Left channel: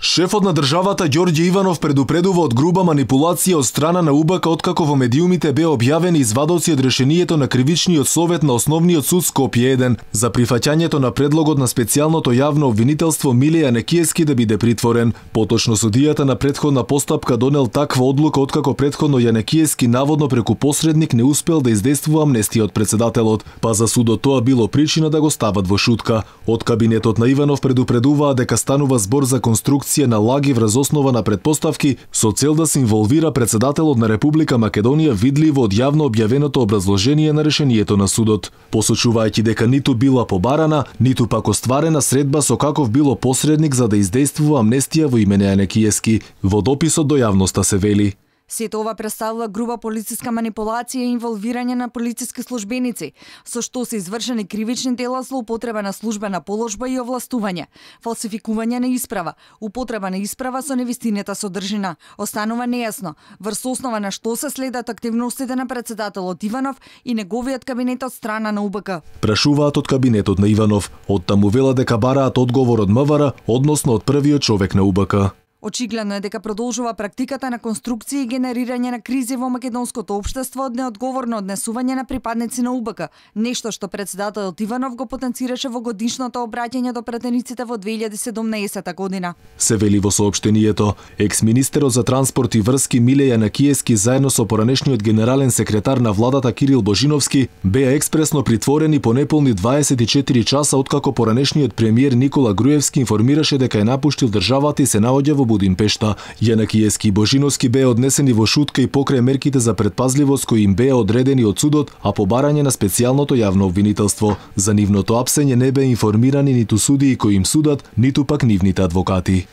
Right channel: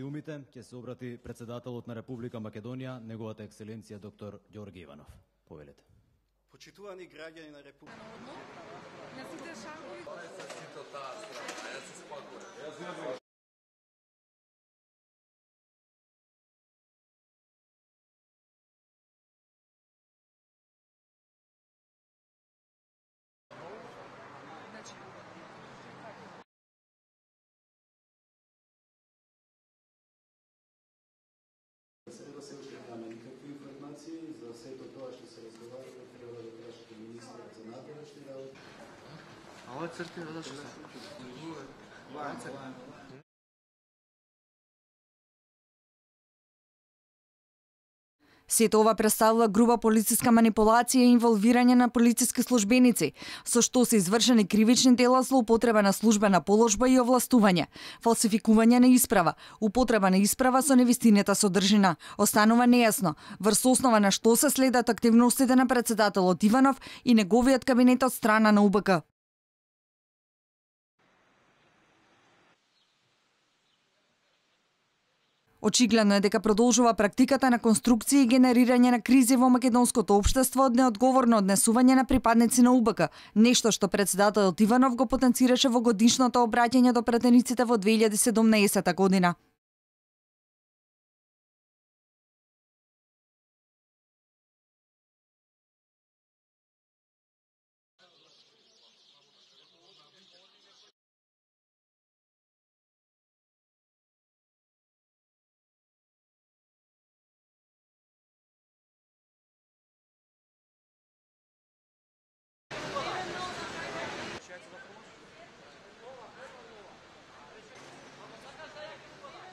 Шефот на државата Ѓорѓе Иванов предупредува од груба манипулација од страна на УБК откако во медиумите беа објавени извадоци од решението на Кривичниот совет на Основниот суд Скопје 1 за прифаќањето на предлогот на специјалното јавно обвинителство Миле Јанекиевски да биде притворен. Поточно судијата на претходна постапка донел таква одлука откако претходно Јанекиевски наводно преку посредник не успел да издействува амнестија од председателот, па за судот тоа било причина да го стават во шутка. Од кабинетот на Иванов предупредуваа дека станува збор за конструкција на лаги врз основа на предпоставки со цел да се инволвира председателот на Република Македонија видливо од јавно објавеното образложение на решението на судот, посочувајќи дека ниту била побарана, ниту пак остварена средба со каков било посредник за да издействува амнестија во име на Јанекиевски. Во дописот до јавноста се вели: Сето ова представува груба полициска манипулација и инволвирање на полициски службеници, со што се извршени кривични дела, злоупотреба на службена положба и овластување, фалсификување на исправа, употреба на исправа со невистинета содржина. Останува нејасно врз основа на што се следат активностите на председателот Иванов и неговиот кабинет од страна на УБК. Прашуваат од кабинетот на Иванов, оттаму велат дека бараат одговор од МВР, односно од првиот човек на УБК. Очигледно е дека продолжува практиката на конструкција и генерирање на кризи во македонското општество од неодговорно однесување на припадници на УБК, нешто што председателот Иванов го потенцираше во годишното обраќање до пратениците во 2017 година. Се вели во соопштението, екс-министерот за транспорт и врски Миле Јанекиевски заедно со поранешниот генерален секретар на владата Кирил Божиновски беа експресно притворени по неполни 24 часа откако поранешниот премиер Никола Груевски информираше дека е напуштил државата и се наоѓа во Будимпешта. Јанекиевски и Божиновски беа однесени во шутка и покрај мерките за предпазливост кои им беа одредени од судот, а по барање на специјалното јавно обвинителство. За нивното апсење не беа информирани ниту судии кои им судат, ниту пак нивните адвокати.